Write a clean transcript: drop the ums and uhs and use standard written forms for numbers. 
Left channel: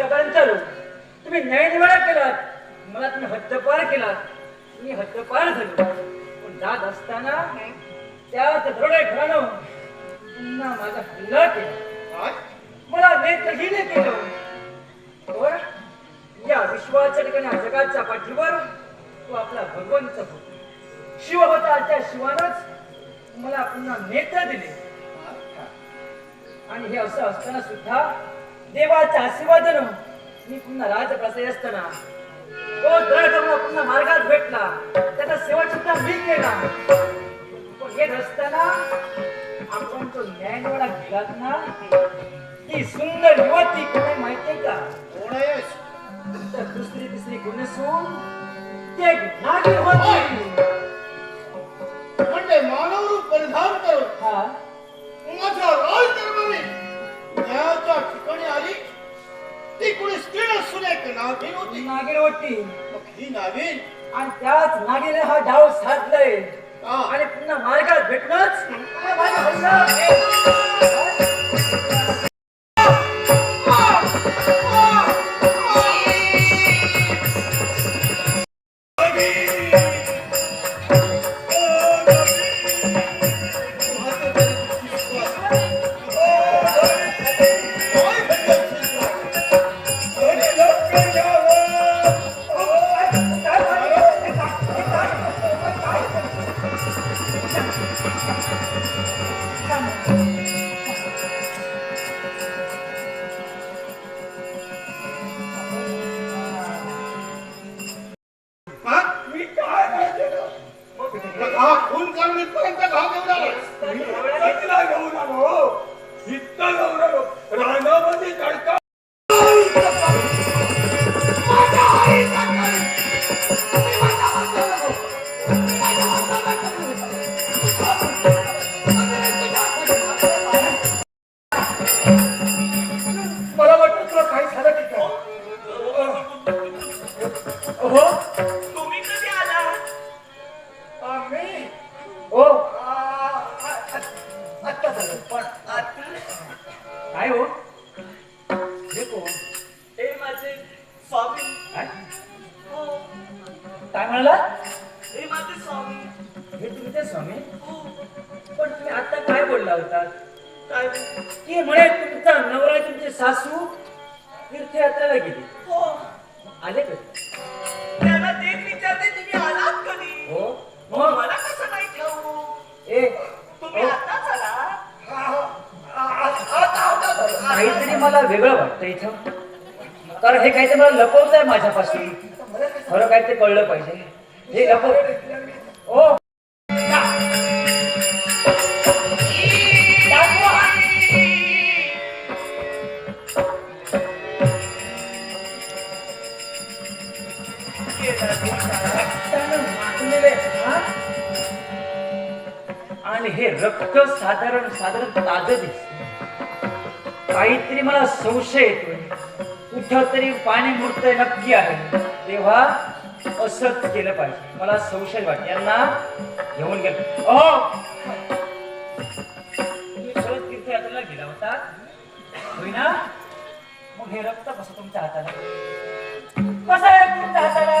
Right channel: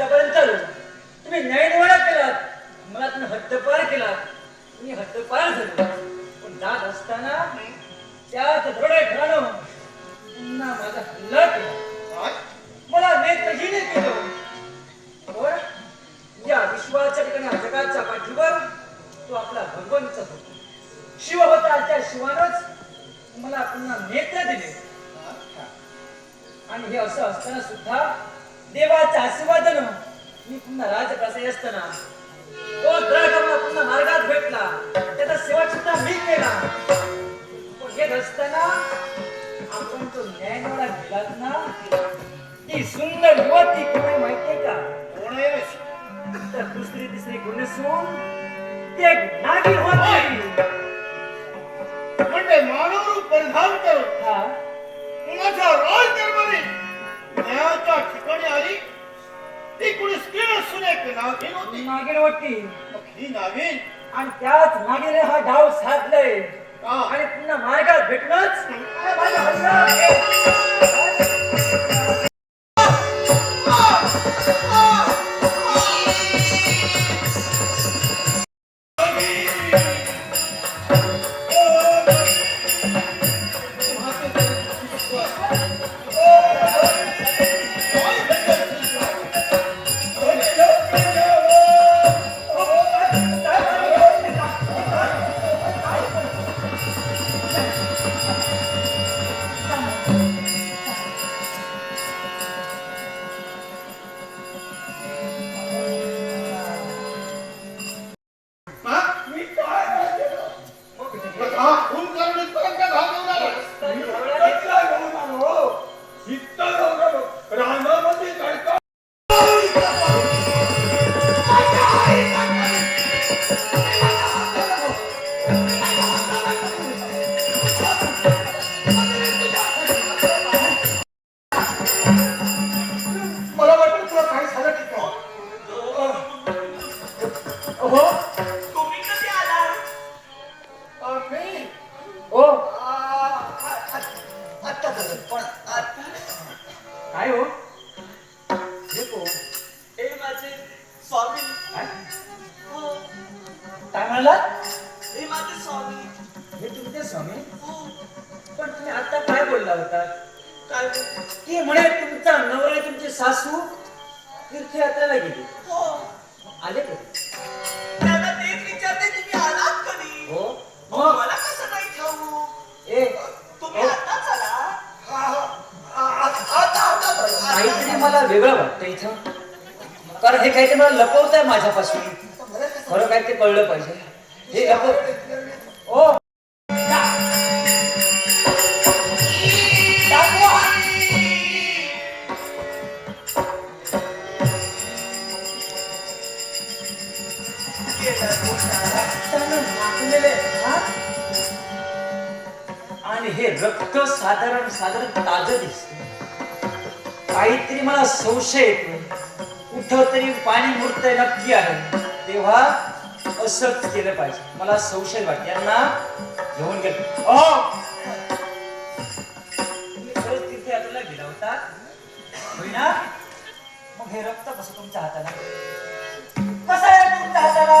इथपर्यंत आलो. तुम्ही न्यायनिवाडा केलात, मला तुम्ही हद्दपार केलात. मी हद्दपार झालो. पण जात असताना त्याच दरोडे घरानं पुन्हा माझा हल्ला केला. मला नेत्रहीन केलं. पण या विश्वाच्या ठिकाणी जगाच्या पाठीवर तो आपला भगवंत होता. शिव होता. त्या शिवानच मला पुन्हा नेत्र दिले. आणि हे असं असताना सुद्धा देवाच्या आशीर्वादानं मी पुन्हा राजप्रसाद असताना तो द्रढ मला पुन्हा मार्गात भेटला. त्याचा शेवट सुद्धा मी केला. पण हे असताना आपण तो न्यायनिवाडा केलात ना, ती सुंदर युवती कोण आहे माहितीये का? कोण आहे? तर दुसरी तिसरी कोणी सून ती एक नागिन होती. म्हणजे मानव रूप परिधान करून हा कुणाच्या राज दरबारी न्यायाच्या ठिकाणी आली. ती कुणी स्त्री असून एक नागिन होती. नागिन होती. मग ही नागिन आणि त्याच नागिने हा डाव साधलाय. का? आणि पुन्हा मार्गात भेटणंच माझा हल्ला आहे. मला वाटतं तुला काही झालं की काय? हो तुम्ही कधी आला? मी हो आत्ता झालं. पण काय हो हे कोण? हे माझे स्वामी. काय हो, काय म्हणला? हे माझे स्वामी. हे तुमचे स्वामी? हो, पण तुम्ही आता काय बोलला होता? काय? की म्हणे तुमचा नवरा तुमची सासू तीर्थयात्रेला गेली. हो, आले का? त्याला तेच विचारते तुम्ही आलात कधी? हो मग मग मला कसं नाही ठाऊक? ए तुम्ही आताच आला? काहीतरी मला वेगळं वाटतं इथं. कारण हे काहीतरी मला लपवत आहे माझ्यापासून. खरं काय ते कळलं पाहिजे. हे लपव ओ आणि हे रक्त साधारण ताजं दिसत. काहीतरी मला संशय येतोय. कुठं तरी पाणी मुरतंय नक्की आहे. तेव्हा असंच केलं पाहिजे. मला संशय वाटत. यांना घेऊन गेलो. तुम्ही खरंच तीर्थयात्रेला गेला होता होय ना? मग हे रक्त कसं तुमच्या हाताला? कसं आहे तुमच्या हाताला?